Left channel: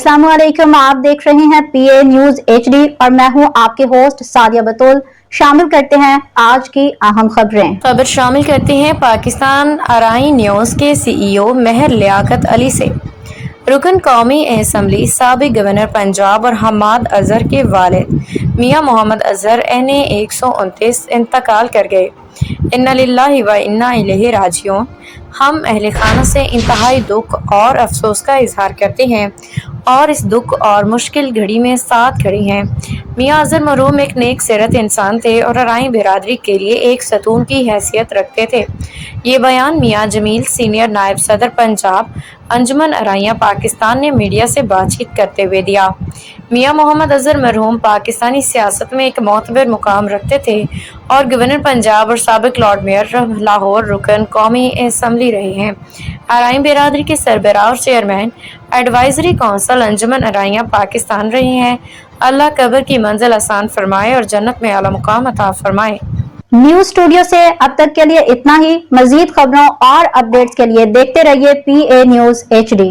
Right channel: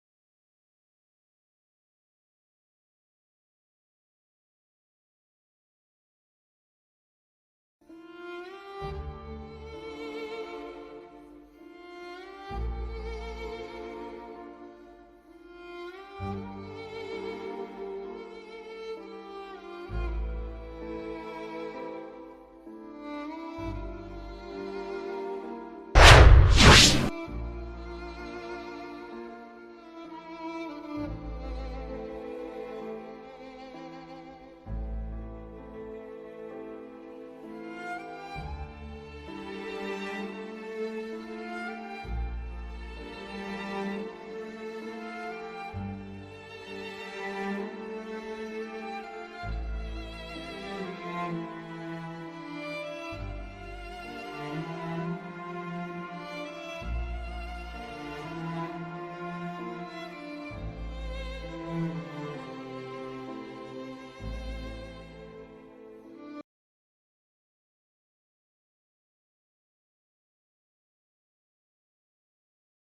अस्सलाम वालेकुम। आप देख रहे हैं PA न्यूज HD और मैं हूं आपके होस्ट सादिया बतूल। शामिल करते हैं आज की अहम खबर शामिल करते हैं पाकिस्तान आराई न्यूज़ के CEO महर लियाकत अली से। रुकन कौमी असम्बली साबिक गवर्नर पंजाब और हमाद अजहर के वालिद मियां मोहम्मद अजहर NA 129 इंतकाल कर गए। इन्ना लिल्लाहि व इन्ना इलैहि राजिऊन। हम अहले खाना से इंतहाई दुख और अफसोस का इजहार करते हैं और इस दुख और मुश्किल घड़ी में साथ खड़े हैं। मियां अजहर मरहूम एक नेक सीरत इंसान थे और अराई बिरादरी के लिए एक सतून की हैसियत रखते थे। ये बयान मियां जमील सीनियर नायब सदर पंजाब अंजुमन अराइयां पाकिस्तान ने मीडिया से बातचीत करते हुए दिया। मियां मोहम्मद अजहर मरहूम पाकिस्तानी सियासत में एक मोतबर मुकाम रखते थे और गवर्नर पंजाब और साबिक लॉर्ड मेयर लाहौर रुकन कौमी असम्बली रहे हैं। अराई बिरादरी के सरबराह और चेयरमैन एडवाइजरी काउंसिल अंजुमन अराइयां पाकिस्तान रहे हैं। अल्लाह कब्र की मंजिल आसान फरमाए और जन्नत में आला मुकाम अता फरमाए। न्यूज स्टूडियो से अब तक के लिए इतना ही। मजीद खबरों और अपडेट्स के लिए देखते रहिए PA न्यूज HD।